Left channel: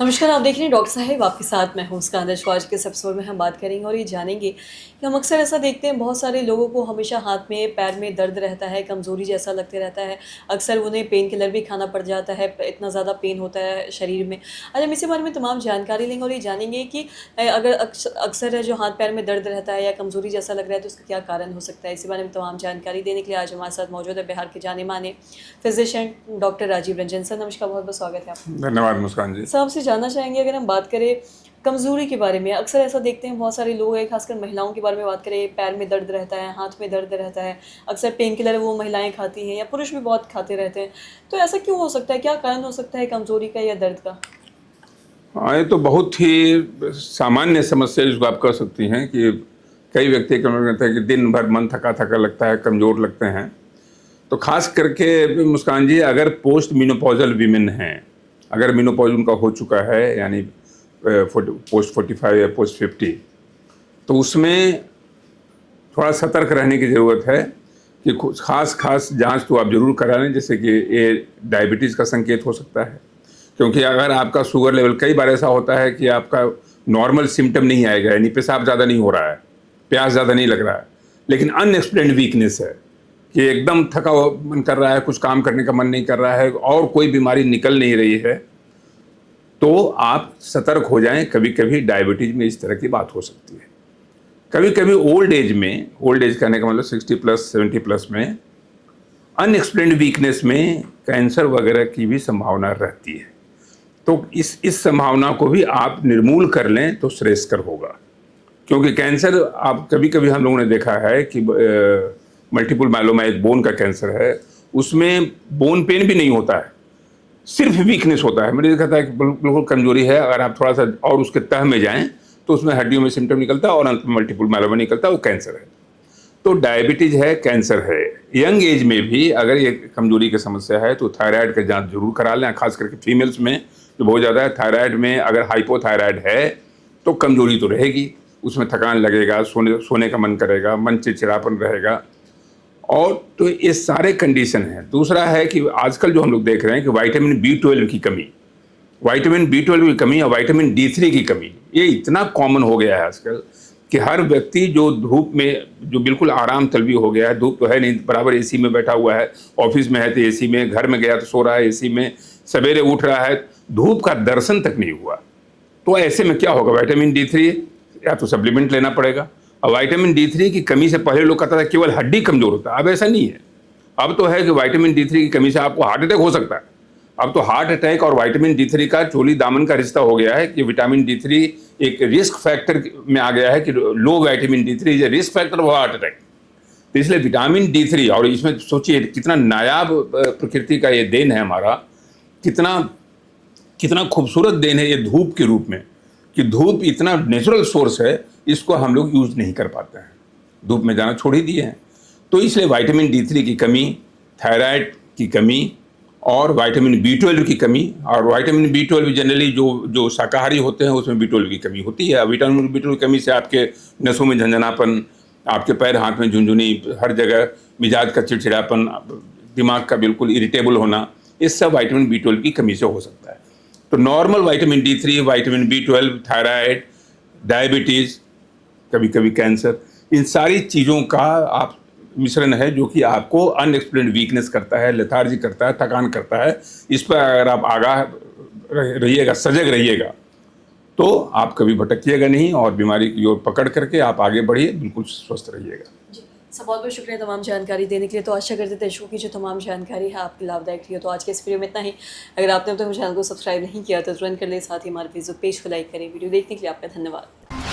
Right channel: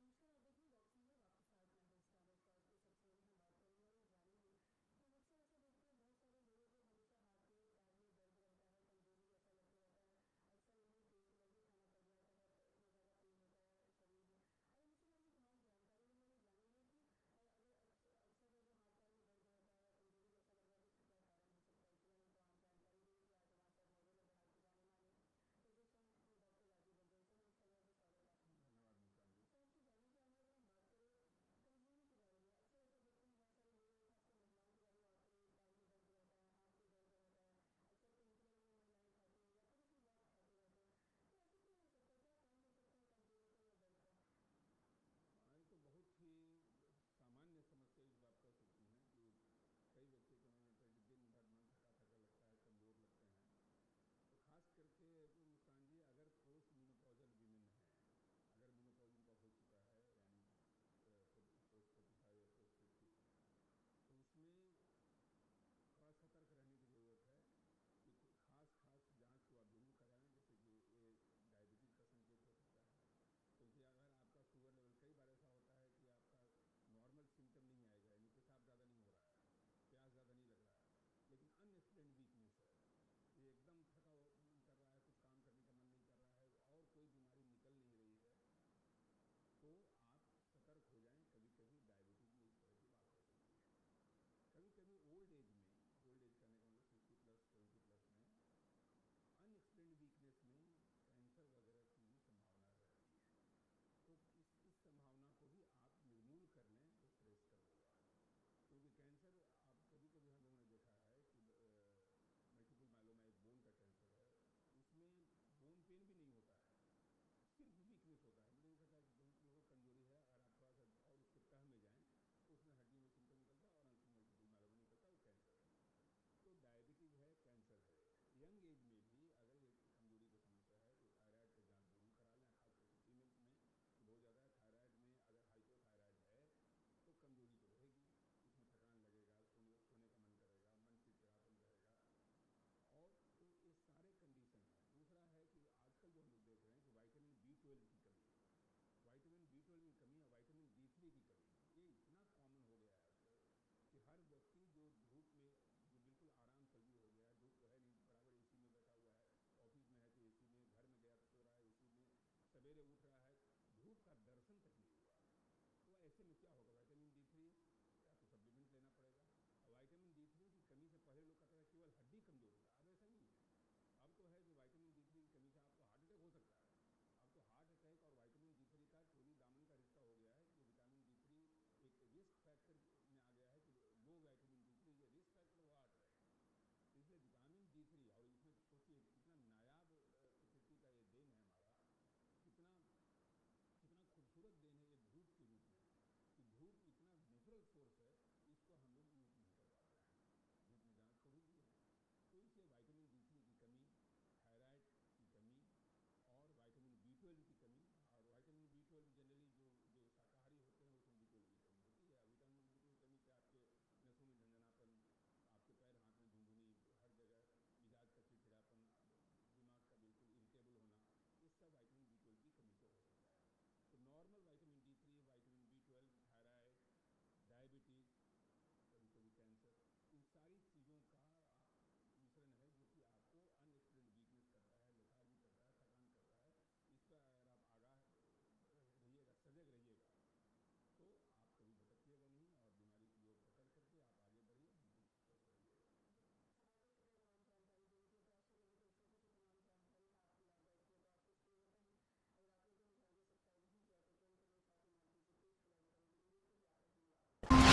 नमस्कार, आप देख रहे हैं डॉक्टर साहिब आपके साथ मैं हूँ उसका आदर्श। आज के इस एपिसोड में हम बात करेंगे और ये जानेंगे कि हम अक्सर ऐसा देखते हैं बहुत सारे लोगों को हमेशा हाथ में पैर में दर्द रहता है, कमज़ोरी जैसा लगते रहता है। अक्सर उन्हें पेन किलर भी खाना पड़ जाता है, इतना ज़्यादा पेन होता है शरीर में। आज हम इसी बारे में तमाम जानकारी लेंगे और ये जानेंगे कि अगर अक्सर जो हाथ पैर में दर्द रहता है या कमज़ोरी जैसा लग रहा है तो उसका क्या कारण हो सकता है। इसी बारे में तमाम जानकारी देने के लिए आज हमारे साथ मौजूद है बिहार के जाने माने physician doctor Rajeev Ranjan sir. नमस्कार, बहुत बहुत स्वागत है आपका। धन्यवाद मुस्कान जी। साहब से जानना चाहेंगे, अगर हम बात करें कमज़ोरी के बारे में, अक्सर ऐसा देखते हैं बहुत सारे लोग हैं, खासकर महिलाओं के बारे में बात करें, पैर में दर्द रहता है, हाथ में दर्द रहता है, अक्सर पेन किलर वो महिलाएं खाती हैं या पुरुष भी बहुत खाते रहते हैं। तो ऐसा क्यों हो सकता है, क्या कारण हो सकता है कमज़ोरी का या दर्द का? हाँ, ये तो बहुत ही सामान्य समस्या जिसको आप कह सकती हैं कि कई व्यक्ति का कहते हैं कि दिन भर मन थका-थका लगता है, कमज़ोर लगते हैं। तो ख़ास करके मुस्कान जी, अगर पोस्ट मेनोपॉज़ल वीमेन हैं, अगर मेनोपॉज़ उनका हो चुका है यानी पोस्ट 45 या पोस्ट 50, तो उसमें थोड़ा सतर्क रहने की ज़रूरत है कि कुछ ख़ास जाँच तो आप ज़रूर करा लें, जैसे कि ये डायबिटीज़ का संकेत हो सकता है। क्योंकि अगर आपका शुगर लेवल, कई बार ऐसा होता है कि आपका नॉर्मल सिम्पटम नहीं आएगा, यानी पेशाब ज़्यादा नहीं हो रहा है, प्यास ज़्यादा नहीं लग रहा है, लेकिन अनएक्सप्लेन्ड वीकनेस है कि एकदम थका हुआ मन कर रहा है, कुछ काम करने का मन नहीं कर रहा है और कोई बीमारी निकल नहीं रही है, तो आप सतर्क हो जाएं। कभी कभी डायबिटीज़ में इस तरह की बात हो सकती है। कभी कभी ओल्ड एज में, ओल्ड एज कहने का मतलब 60 प्लस 70 प्लस में, अनएक्सप्लेन्ड वीकनेस में कैंसर वगैरह की भी संभावना रहती है। तो इस संभावना को भी आप निर्मूल कर लें तो श्रेयस्कर होगा। क्योंकि कैंसर, आप कभी कभी हम लोगों ने देखा है कि मल्टीपल माइलोमा एक बोन का कैंसर है, उसमें बोन पेन भी नहीं होता है, सिर्फ वीकनेस होता है। मैंने देखा था कि बिल्कुल कमजोरी है, अगर आप थोड़ा सा और उसके तह में जाएं तो उसमें हड्डियों में सिम्टम निकलता है और अंत में मल्टीपल माइलोमा निकलता है, वो कैंसर है। तो डायबिटीज है, कैंसर है। यंग एज में भी अगर ये कमजोरी की समस्या है तो थायराइड का जांच जरूर करा लें, खास करके फीमेल्स में जो बहुत ज़्यादा है। थायराइड में अगर हाइपोथायराइड है तो कमजोरी तो रहेगी, उसमें थकान लगेगा, सोने का मन करेगा, मन चिड़चिड़ापन रहेगा, और तो ये सारे कंडीशन हैं। दूसरा है कि आजकल जो हम लोग देख रहे हैं कि विटामिन B12 की कमी, विटामिन B12 की कमी और विटामिन D3 की कमी, ये इतना कॉमन हो गया है आजकल कि हर व्यक्ति जो धूप में, जो बिल्कुल आराम तलबी हो गया है, धूप तो है नहीं, बराबर एसी में बैठा हुआ है, ऑफिस में है तो एसी में, घर में गया तो सो रहा है एसी में, सवेरे उठ रहा है, धूप का दर्शन तक नहीं हुआ। तो ऐसे में क्या होगा, विटामिन D3 या तो सप्लीमेंट लेना पड़ेगा। और विटामिन D3 की कमी से पहले लोग कहता था केवल हड्डी कमजोर होता है, अब ऐसा नहीं है। अब तो है कि विटामिन D3 की कमी से आपको हार्ट अटैक हो सकता है। अब तो हार्ट अटैक और विटामिन D3 का चोली दामन का रिश्ता हो गया है कि विटामिन D3 एक रिस्क फैक्टर में आ गया है कि low vitamin D3 is a risk factor of heart attack. तो इसलिए विटामिन D3, और इसमें सोचिए कितना नायाब प्रकृति का ये देन है हमारा, कितना कितना खूबसूरत देन है ये धूप के रूप में, कि धूप इतना नेचुरल सोर्स है, इसको हम लोग यूज नहीं कर पाते हैं, धूप में जाना छोड़ ही दिए हैं। तो इसलिए विटामिन D3 की कमी, थायराइड की कमी और विटामिन B12 की कमी, और विटामिन B12 जनरली जो जो शाकाहारी होते हैं उसमें B12 की कमी होती है। विटामिन B12 की कमी से आपके नसों में झंझनापन, आपके पैर हाथ में झुनझुनी, हर जगह मिजाज का चिड़चिड़ापन, दिमाग का बिल्कुल इरिटेबल होना, ये सब विटामिन B12 की कमी से हो सकता है। तो normal vitamin D3, vitamin B12, thyroid, diabetes, कभी कभी कैंसर, इन सारी चीज़ों का आप मिश्रण है जो कि आपको अनएक्सप्लेन्ड वीकनेस करता है, लेथार्जी करता है, थकान करता है। इस पर अगर आप आगाह रहिएगा, सजग रहिएगा, तो आप कभी भटकिएगा नहीं और बीमारी की ओर पकड़ करके आप आगे बढ़िए, बिल्कुल स्वस्थ रहिएगा। जी, सर बहुत बहुत शुक्रिया तमाम जानकारी देने के लिए। तो आशा करते दर्शकों की जो तमाम जानकारी है आपकी लाभदायक रही हो। तो आज के इस वीडियो में इतना ही। अगर आपने अब तक चैनल को सब्सक्राइब नहीं किया तो तुरंत कर ले, साथ ही हमारे फेसबुक पेज को लाइक करें। वीडियो देखने के लिए आपका धन्यवाद।